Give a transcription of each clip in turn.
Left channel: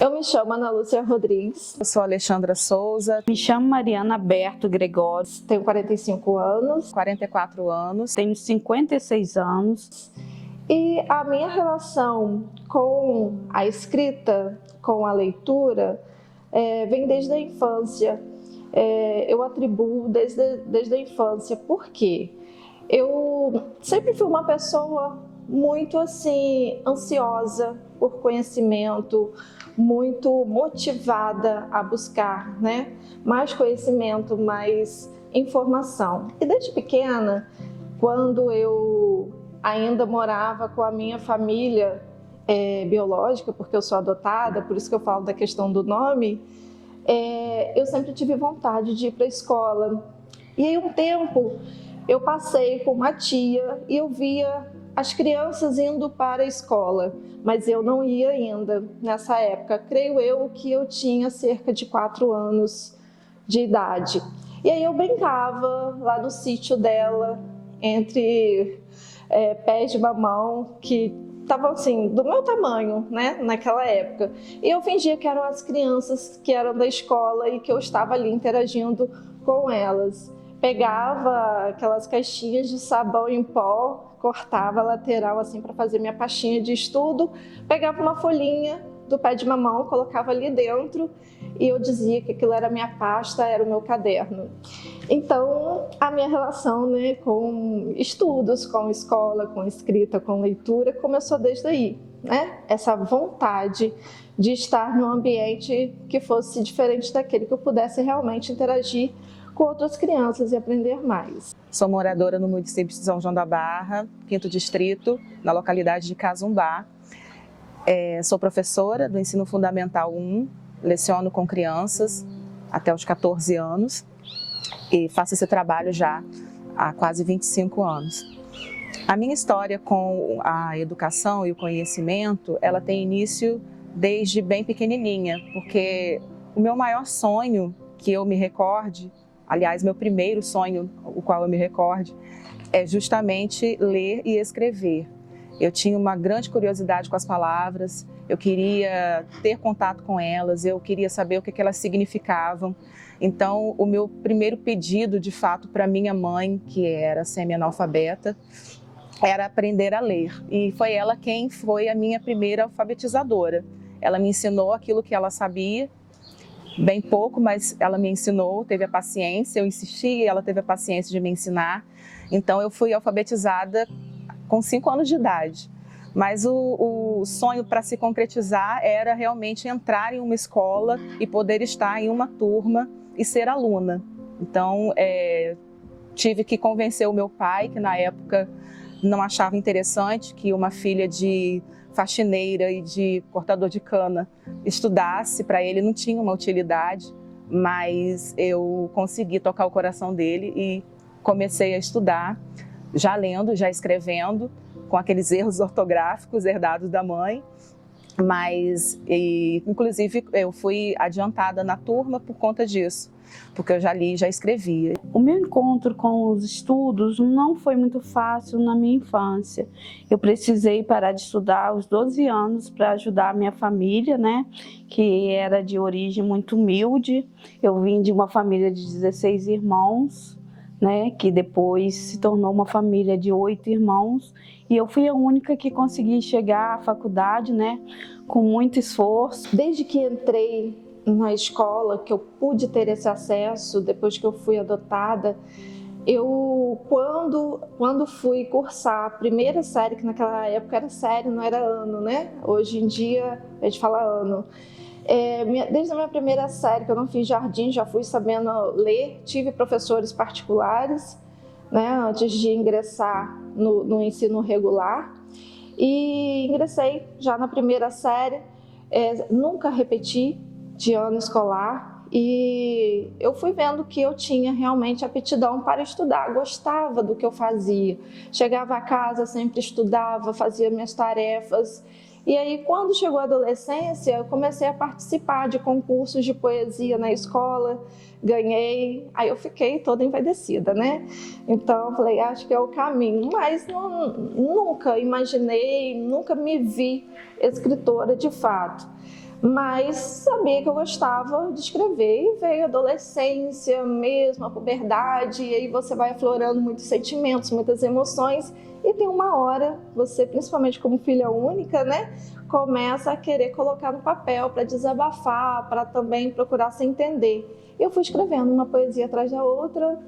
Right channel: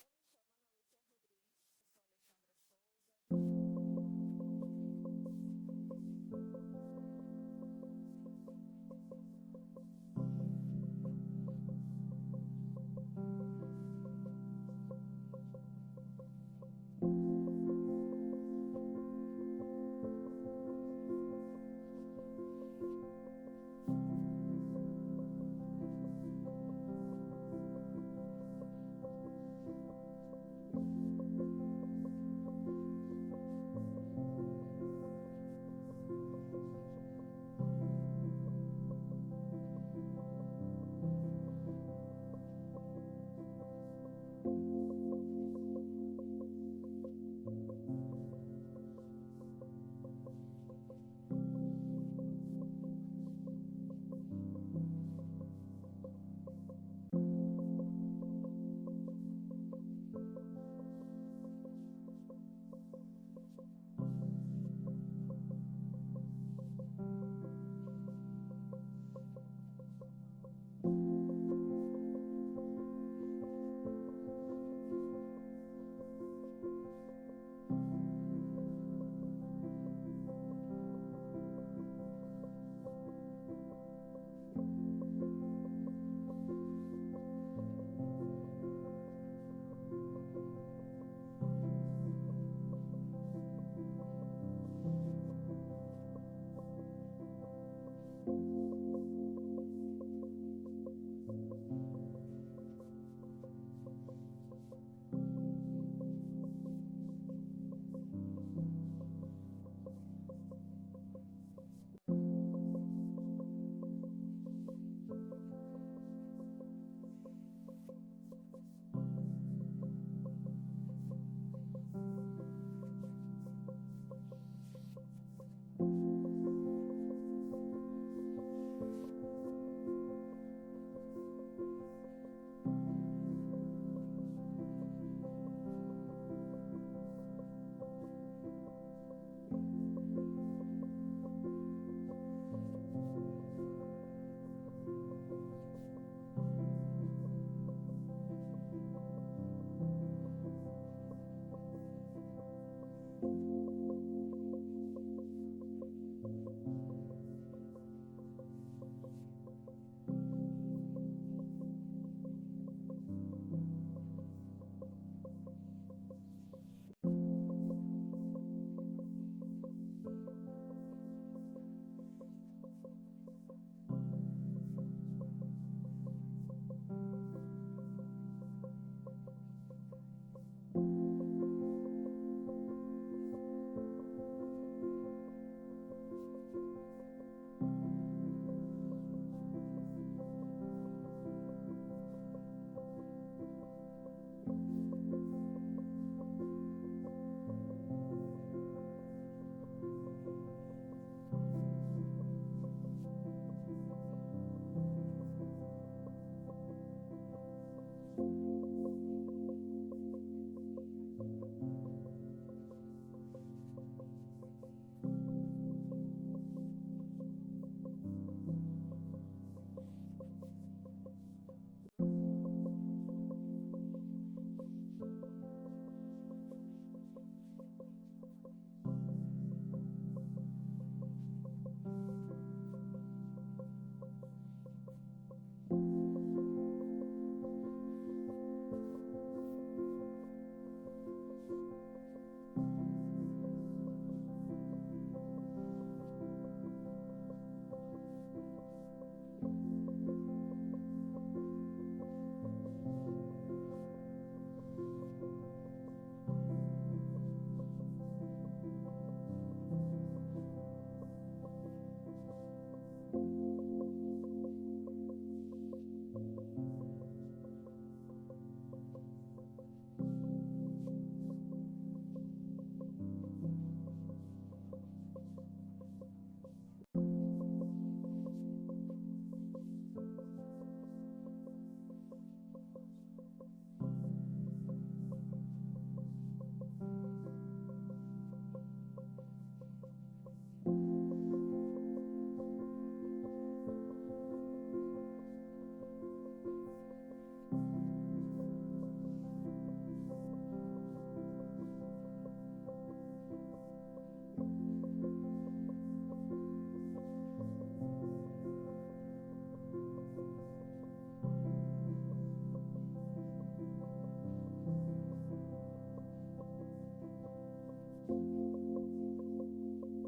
Eu me chamo Ana Lúcia Rodrigues. Eu sou Alexandra Souza. Me chamo Mariana Berto Gregório. Tenho 45 anos. 44 anos. Tenho 56 anos. E a minha relação com a escrita, com a leitura, vem desde a infância. Eu atribuo desde a infância. Por quê? Eu sempre fui uma pessoa muito assim, ansiosa por conhecimento, muito motivada a buscar, mais conhecimento, mais informação. E desde pequena, quando eu ainda morava com a minha família biológica, porque eu sou adotada, por isso que eu falo da questão do nome, eu sempre tive vontade de ir para a escola. E aí um tempo eu passei com uma tia e eu via as crianças indo para a escola, mas eu não ia ainda nessa época. Creio eu que eu tinha cerca de 4 anos de idade. E aí eu brincava lá no sítio dela, entre pés de mamão, que estavam assim, do meu tamanho, naquela época. E eu fingia que eram as crianças que eram da escola e que eu estava ali interagindo com elas. Pegava aquelas caixinhas de sabão em pó, cortava a lateral assim para fazer minha pastinha de estudo, pegava uma folhinha do pé de mamão, colocava ali dentro e eu dizia que aquilo era minha pasta, era o meu caderno. Então, a minha relação com estudos, com escola, com escrita, com leitura, começou desde aí, Essa vontade de estar num ambiente que fosse diferente daquele, que eu pudesse realmente interagir com outras crianças e aprender mais. Sou moradora no município de São João da Barra, 5º distrito, na localidade de Casumbá. Sou professora do ensino fundamental 1, leciono com crianças até os 14 anos e faço esse trabalho já há quase 25 anos. A minha história com a educação e o conhecimento, ela tem início desde bem pequenininha, porque o meu maior sonho que eu me recorde, aliás, meu primeiro sonho, o qual eu me recorde, é justamente ler e escrever. Eu tinha uma grande curiosidade com as palavras, eu queria ter contato com elas, eu queria saber o que elas significavam. Então, o meu primeiro pedido, de fato, para minha mãe, que era semi-analfabeta, era aprender a ler. E foi ela quem foi a minha primeira alfabetizadora. Ela me ensinou aquilo que ela sabia, bem pouco, mas ela me ensinou, teve a paciência, eu insisti e ela teve a paciência de me ensinar. Então eu fui alfabetizada com 5 anos de idade. Mas o sonho para se concretizar era realmente entrar em uma escola e poder estar em uma turma e ser aluna. Então tive que convencer o meu pai, que na época não achava interessante que uma filha de faxineira e de cortador de cana estudasse, para ele não tinha uma utilidade, mas eu consegui tocar o coração dele e comecei a estudar, já lendo, já escrevendo, com aqueles erros ortográficos herdados da mãe, mas inclusive eu fui adiantada na turma por conta disso, porque eu já li, já escrevia. O meu encontro com os estudos não foi muito fácil na minha infância. Eu precisei parar de estudar aos 12 anos para ajudar a minha família, que era de origem muito humilde. Eu vim de uma família de 16 irmãos, que depois se tornou uma família de 8 irmãos. E eu fui a única que consegui chegar à faculdade, com muito esforço. Desde que entrei na escola, que eu pude ter esse acesso, depois que eu fui adotada, eu, quando fui cursar a primeira série, que naquela época era série, não era ano, Hoje em dia a gente fala ano. Desde a minha primeira série, que eu não fiz jardim, já fui sabendo ler, tive professores particulares, antes de ingressar no ensino regular, e ingressei já na primeira série, nunca repeti de ano escolar, e eu fui vendo que eu tinha realmente aptidão para estudar, gostava do que eu fazia. Chegava a casa, sempre estudava, fazia minhas tarefas. E aí, quando chegou a adolescência, eu comecei a participar de concursos de poesia na escola, ganhei, aí eu fiquei toda envaidecida, Então, eu falei, acho que é o caminho, mas nunca imaginei, nunca me vi escritora de fato. mas sabia que eu gostava de escrever. E veio a adolescência mesmo, a puberdade, e aí você vai aflorando muitos sentimentos, muitas emoções, e tem uma hora, você, principalmente como filha única, né, começa a querer colocar no papel para desabafar, para também procurar se entender. Eu fui escrevendo uma poesia atrás da outra,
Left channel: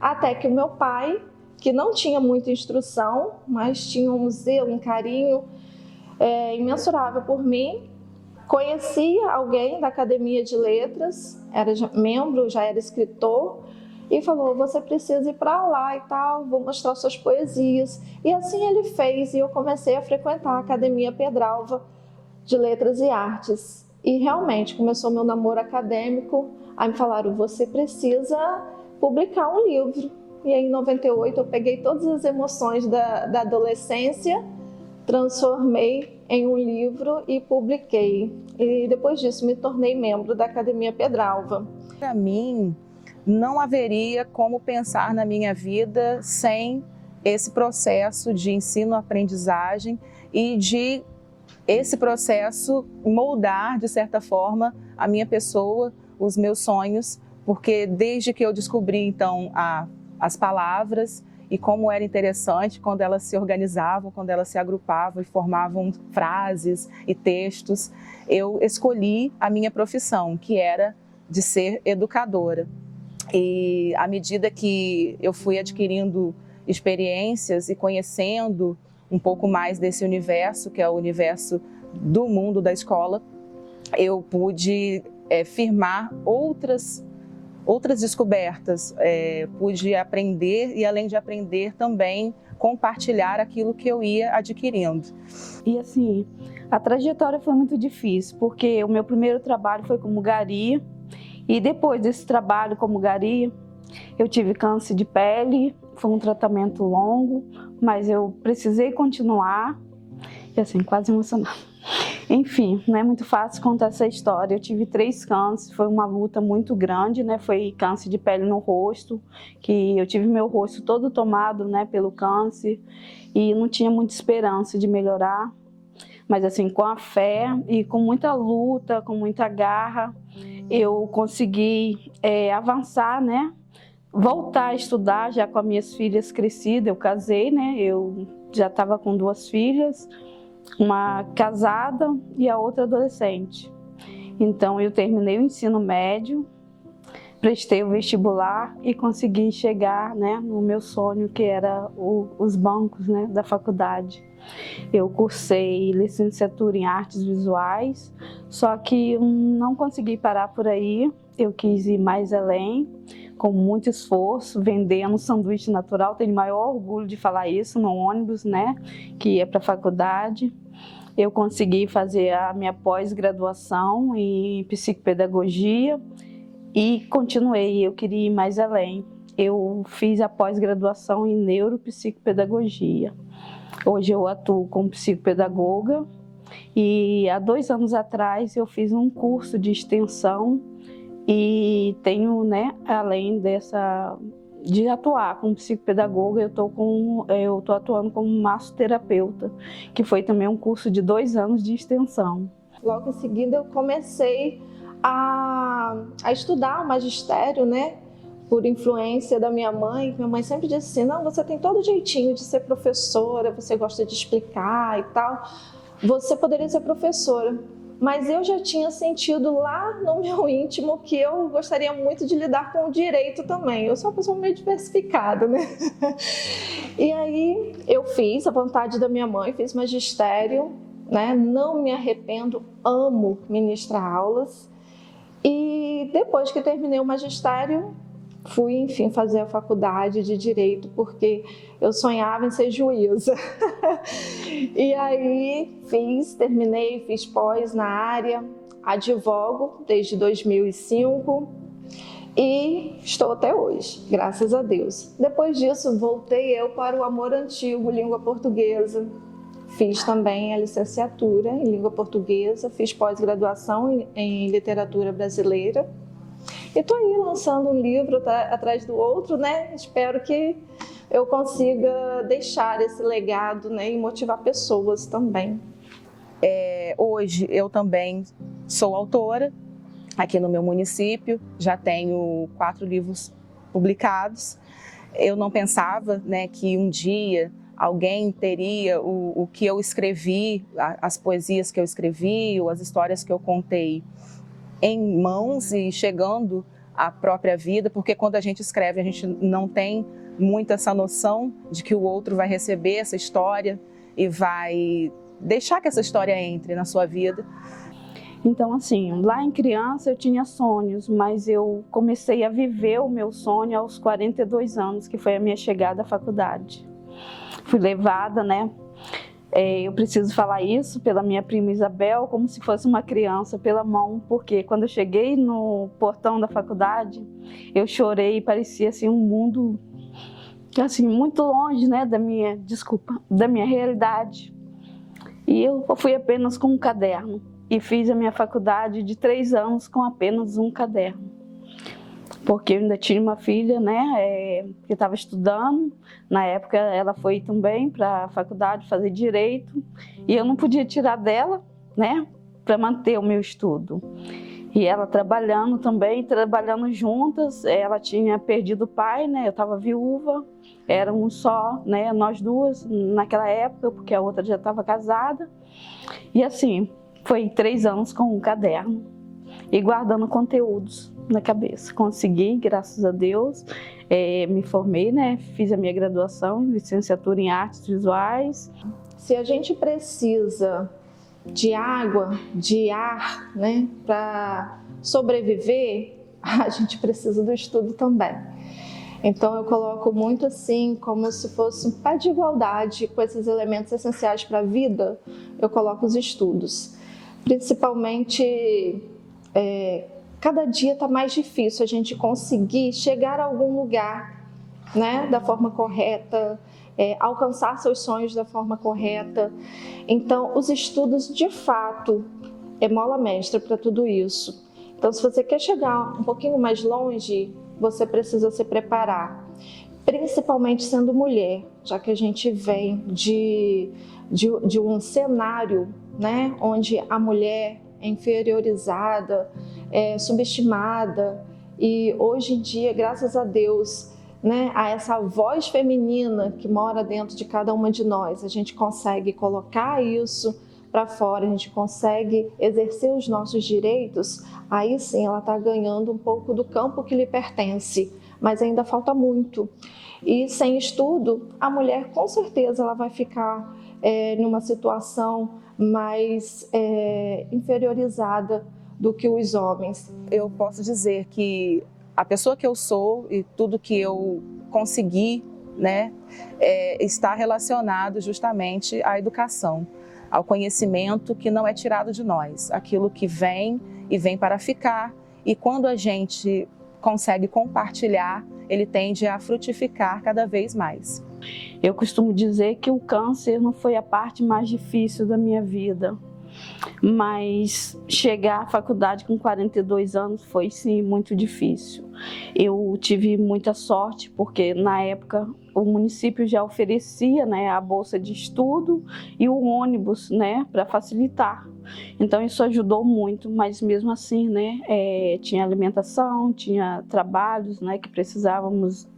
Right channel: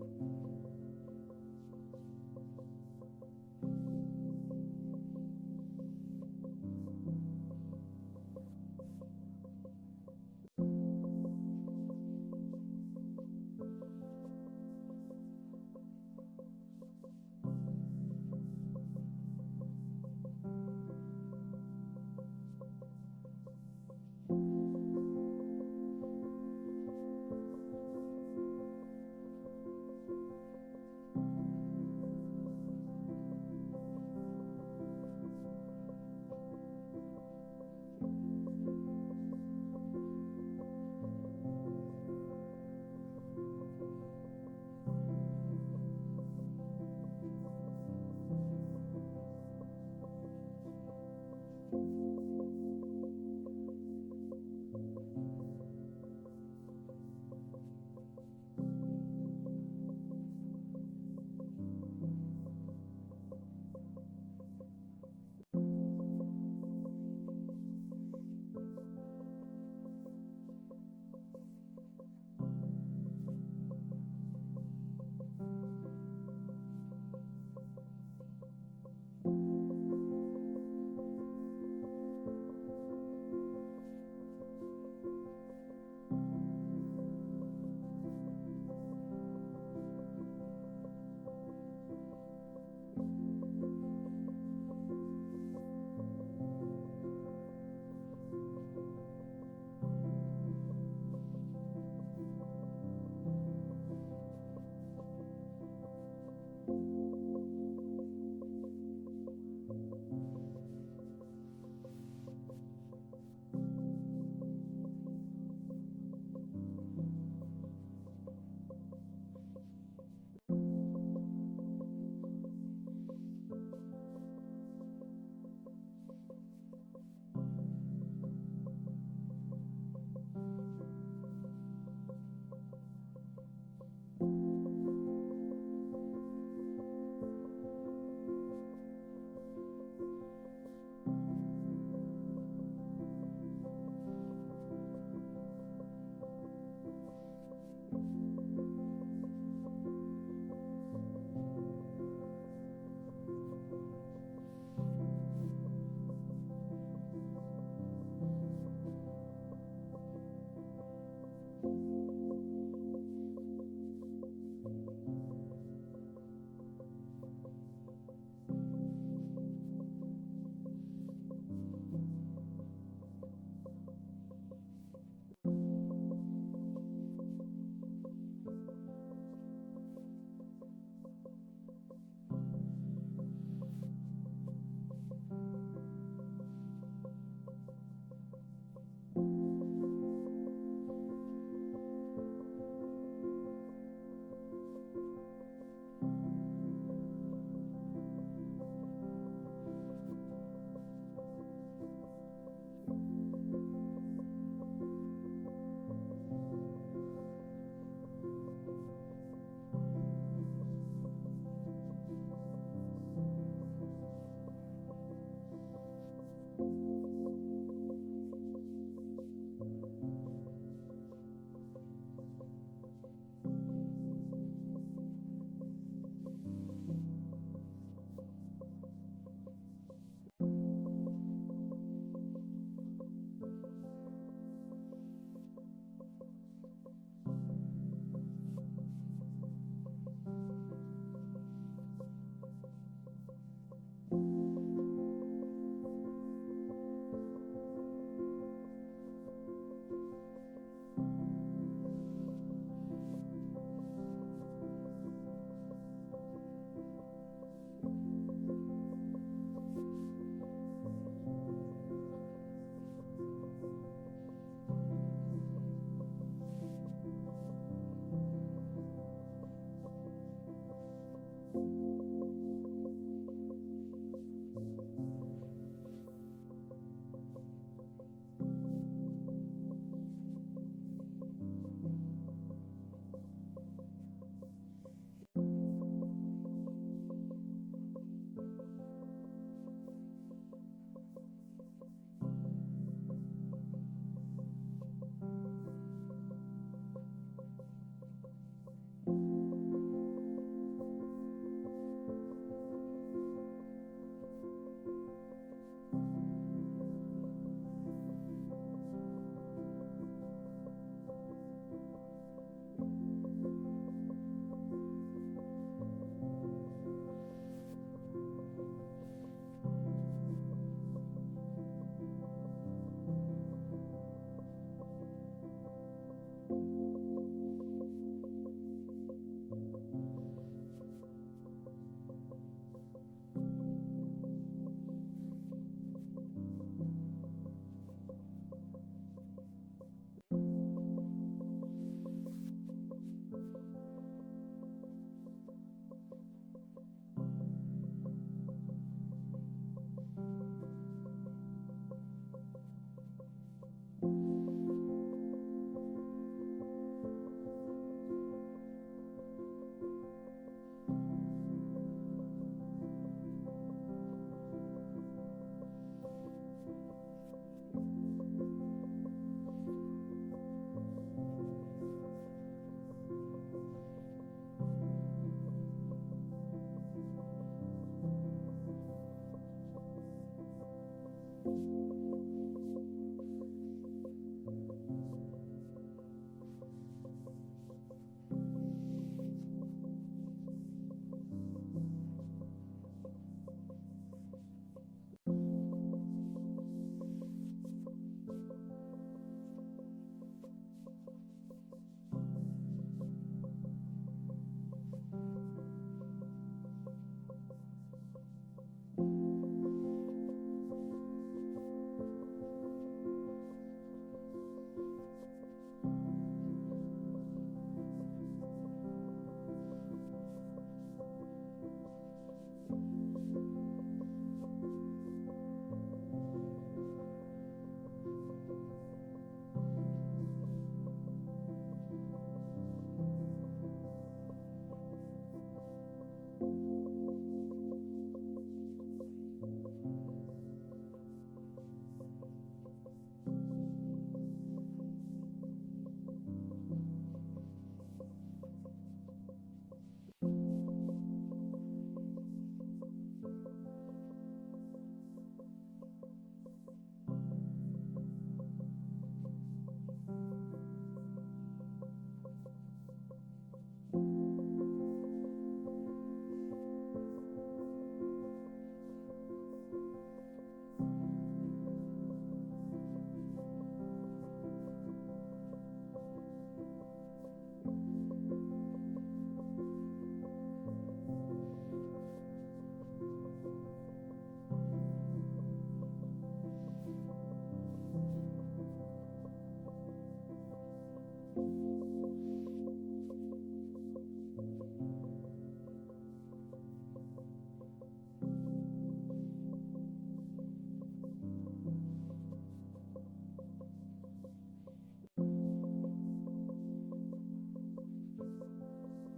até que o meu pai, que não tinha muita instrução, mas tinha um zelo, um carinho imensurável por mim, conhecia alguém da Academia de Letras, era membro, já era escritor, e falou: você precisa ir para lá e tal, vou mostrar suas poesias. E assim ele fez, e eu comecei a frequentar a Academia Pedralva de Letras e Artes. E realmente começou meu namoro acadêmico. Aí me falaram: você precisa publicar um livro. E aí em 98 eu peguei todas as emoções da adolescência, transformei em um livro e publiquei. E depois disso me tornei membro da Academia Pedralva. Para mim, não haveria como pensar na minha vida sem esse processo de ensino-aprendizagem e de esse processo moldar, de certa forma, a minha pessoa, os meus sonhos, porque desde que eu descobri, então, as palavras e como era interessante quando elas se organizavam, quando elas se agrupavam e formavam frases e textos, eu escolhi a minha profissão, que era de ser educadora. E à medida que eu fui adquirindo experiências e conhecendo um pouco mais desse universo, que é o universo do mundo da escola, eu pude firmar outras descobertas, pude aprender e, além de aprender, também compartilhar aquilo que eu ia adquirindo. E assim, a trajetória foi muito difícil, porque o meu primeiro trabalho foi como gari, e depois desse trabalho como gari, eu tive câncer de pele, foi um tratamento longo, mas eu precisei continuar, e assim, quase emocionada. Enfim, não é muito fácil contar essa história. Eu tive 3 cânceres, foi uma luta muito grande, né? Foi câncer de pele no rosto, que eu tive meu rosto todo tomado, né, pelo câncer, e não tinha muita esperança de melhorar. Mas assim, com a fé e com muita luta, com muita garra, eu consegui avançar, né? Voltar a estudar já com as minhas filhas crescidas. Eu casei, né? Eu já estava com 2 filhas, uma casada e a outra adolescente. Então eu terminei o ensino médio, prestei o vestibular e consegui chegar, né, no meu sonho, que era os bancos, né, da faculdade. Eu cursei licenciatura em artes visuais, só que não consegui parar por aí. Eu quis ir mais além, com muito esforço, vendendo sanduíche natural. Tenho o maior orgulho de falar isso no ônibus, né, que ia para a faculdade. Eu consegui fazer a minha pós-graduação em psicopedagogia e continuei. Eu queria ir mais além. Eu fiz a pós-graduação em neuropsicopedagogia. Hoje eu atuo como psicopedagoga e há 2 anos atrás eu fiz um curso de extensão e tenho, né, além de atuar como psicopedagoga, eu tô atuando como massoterapeuta, que foi também um curso de 2 anos de extensão. Logo em seguida eu comecei a estudar o magistério, né? Por influência da minha mãe. Minha mãe sempre disse assim: não, você tem todo jeitinho de ser professora, você gosta de explicar e tal, você poderia ser professora. Mas eu já tinha sentido lá no meu íntimo que eu gostaria muito de lidar com o direito também. Eu sou uma pessoa meio diversificada, né? E aí eu fiz a vontade da minha mãe, fiz magistério, né? Não me arrependo, amo ministrar aulas. E depois que terminei o magistério, fui, enfim, fazer a faculdade de Direito, porque eu sonhava em ser juíza. E aí terminei, fiz pós na área, advogo desde 2005 e estou até hoje, graças a Deus. Depois disso, voltei eu para o amor antigo, língua portuguesa. Fiz também a licenciatura em língua portuguesa, fiz pós-graduação em literatura brasileira. E estou aí lançando um livro atrás do outro, né? Espero que eu consiga deixar esse legado, né? E motivar pessoas também. Hoje eu também sou autora aqui no meu município, já tenho 4 livros publicados. Eu não pensava, né, que um dia alguém teria o que eu escrevi, as poesias que eu escrevi, ou as histórias que eu contei em mãos e chegando à própria vida, porque quando a gente escreve, a gente não tem muito essa noção de que o outro vai receber essa história e vai deixar que essa história entre na sua vida. Então, assim, lá em criança eu tinha sonhos, mas eu comecei a viver o meu sonho aos 42 anos, que foi a minha chegada à faculdade. Fui levada, né? Eu preciso falar isso pela minha prima Isabel, como se fosse uma criança, pela mão, porque quando eu cheguei no portão da faculdade, eu chorei, parecia assim um mundo assim muito longe, né, da minha realidade. E eu fui apenas com um caderno e fiz a minha faculdade de 3 anos com apenas um caderno. Porque eu ainda tinha uma filha, né, que estava estudando. Na época ela foi também para a faculdade fazer direito e eu não podia tirar dela, né, para manter o meu estudo. E ela trabalhando também, trabalhando juntas. Ela tinha perdido o pai, né, eu estava viúva, éramos só, né, nós duas naquela época, porque a outra já estava casada. E assim, foi 3 anos com um caderno e guardando conteúdos na cabeça. Consegui, graças a Deus, me formei, né? Fiz a minha graduação em licenciatura em artes visuais. Se a gente precisa de água, de ar, né, para sobreviver, a gente precisa do estudo também. Então eu coloco muito assim, como se fosse um pé de igualdade com esses elementos essenciais para a vida, eu coloco os estudos. Principalmente, cada dia está mais difícil a gente conseguir chegar a algum lugar, né, da forma correta, alcançar seus sonhos da forma correta. Então, os estudos, de fato, é mola mestra para tudo isso. Então, se você quer chegar um pouquinho mais longe, você precisa se preparar, principalmente sendo mulher, já que a gente vem de um cenário, né, onde a mulher é inferiorizada, é subestimada, e hoje em dia, graças a Deus, né, a essa voz feminina que mora dentro de cada uma de nós, a gente consegue colocar isso para fora, a gente consegue exercer os nossos direitos, aí sim ela está ganhando um pouco do campo que lhe pertence, mas ainda falta muito. E sem estudo, a mulher com certeza ela vai ficar numa situação mais inferiorizada do que os homens. Eu posso dizer que a pessoa que eu sou e tudo que eu consegui, né, está relacionado justamente à educação, ao conhecimento que não é tirado de nós, aquilo que vem e vem para ficar, e quando a gente consegue compartilhar, ele tende a frutificar cada vez mais. Eu costumo dizer que o câncer não foi a parte mais difícil da minha vida, mas chegar à faculdade com 42 anos foi sim muito difícil. Eu tive muita sorte porque na época o município já oferecia, né, a bolsa de estudo e o ônibus, né, para facilitar. Então isso ajudou muito, mas mesmo assim, né, tinha alimentação, tinha trabalhos, né, que precisávamos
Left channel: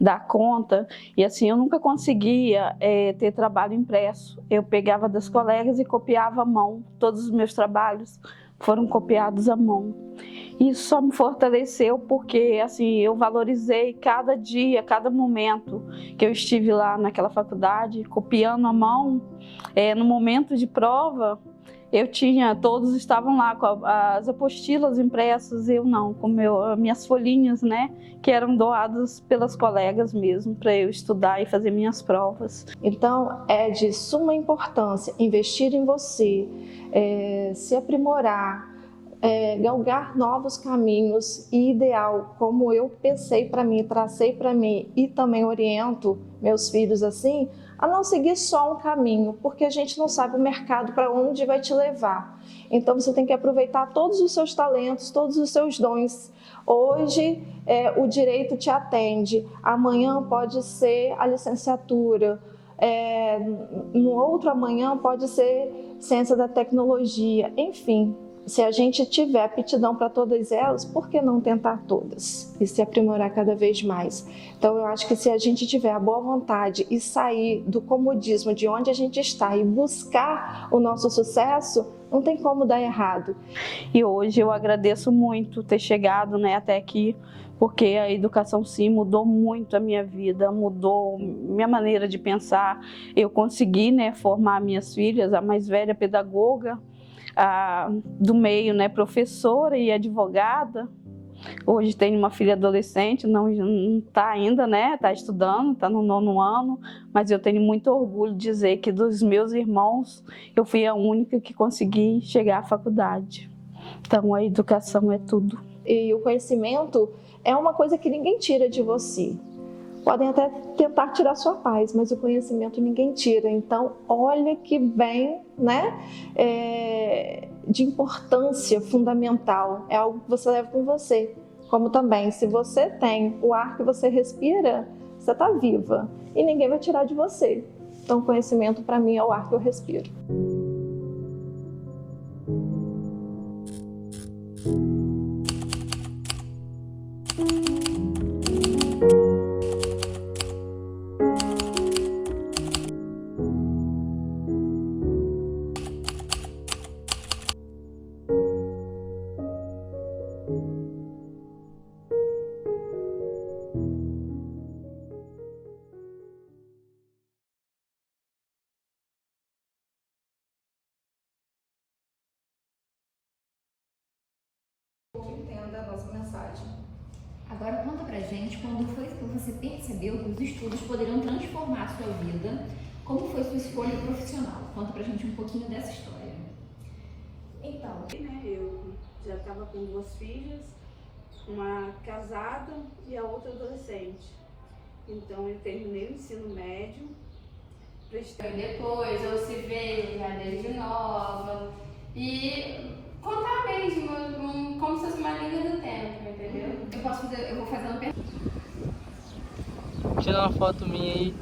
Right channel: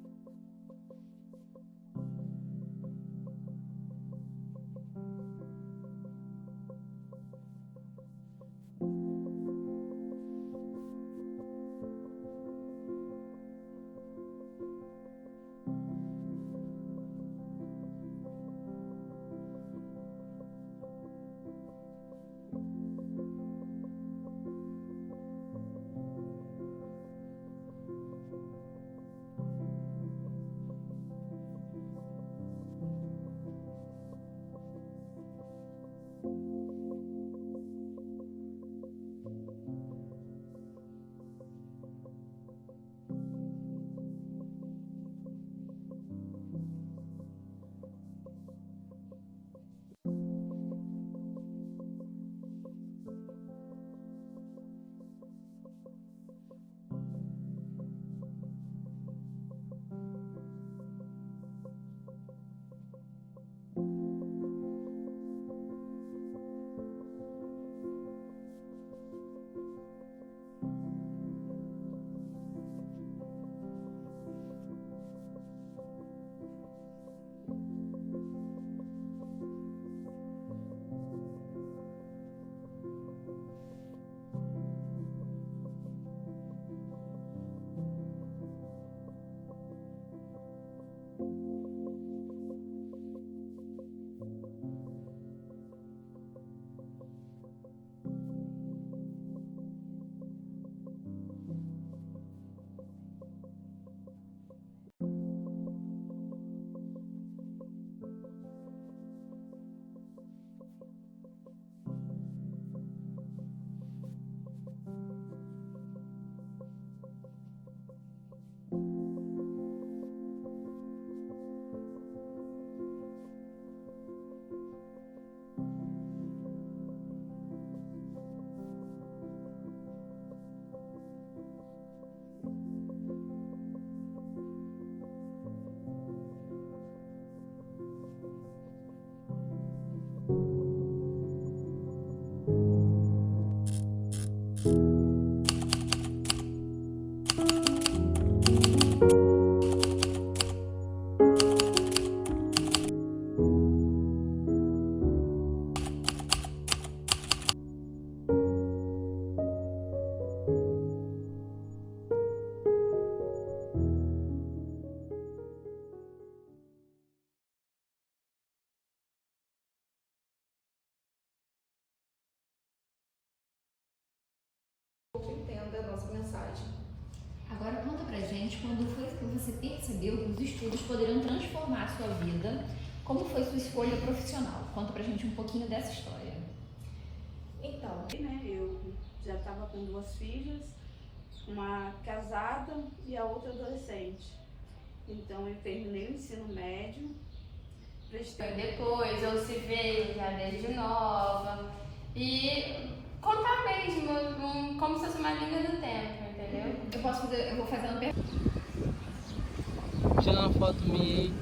dar conta, e assim eu nunca conseguia ter trabalho impresso. Eu pegava das colegas e copiava à mão. Todos os meus trabalhos foram copiados à mão. Isso só me fortaleceu porque assim eu valorizei cada dia, cada momento que eu estive lá naquela faculdade, copiando à mão. No momento de prova, todos estavam lá com as apostilas impressas, eu não, com minhas folhinhas, né, que eram doadas pelas colegas mesmo, para eu estudar e fazer minhas provas. Então, é de suma importância investir em você, se aprimorar, galgar novos caminhos e ideal, como eu pensei para mim, tracei para mim e também oriento meus filhos assim, a não seguir só um caminho, porque a gente não sabe o mercado para onde vai te levar. Então você tem que aproveitar todos os seus talentos, todos os seus dons. Hoje o direito te atende, amanhã pode ser a licenciatura, no outro amanhã pode ser ciência da tecnologia, enfim. Se a gente tiver aptidão para todas elas, por que não tentar todas e se aprimorar cada vez mais? Então, eu acho que se a gente tiver a boa vontade e sair do comodismo de onde a gente está e buscar o nosso sucesso, não tem como dar errado. E hoje eu agradeço muito ter chegado, né, até aqui, porque a educação sim mudou muito a minha vida, mudou minha maneira de pensar. Eu consegui, né, formar minhas filhas, a mais velha pedagoga, do meio, né, professora e advogada. Hoje tenho uma filha adolescente, não está ainda, né, está estudando, está no 9º ano, mas eu tenho muito orgulho de dizer que dos meus irmãos eu fui a única que consegui chegar à faculdade. Então a educação é tudo. E o conhecimento é uma coisa que ninguém tira de você. Podem até tentar tirar sua paz, mas o conhecimento ninguém tira. Então, olha que bem, né, de importância fundamental. É algo que você leva com você. Como também, se você tem o ar que você respira, você está viva e ninguém vai tirar de você. Então, conhecimento para mim é o ar que eu respiro. Entenda a nossa mensagem. Agora conta pra gente quando foi que você percebeu que os estudos poderiam transformar a sua vida, como foi sua escolha profissional? Conta pra gente um pouquinho dessa história. Então, né, eu já estava com 2 filhas, uma casada e a outra adolescente. Então eu terminei o ensino médio. Depois eu se veio já desde nova e contar mesmo, como se fosse uma linha do tempo, entendeu? Eu vou fazer uma pergunta. Tira uma foto minha aí.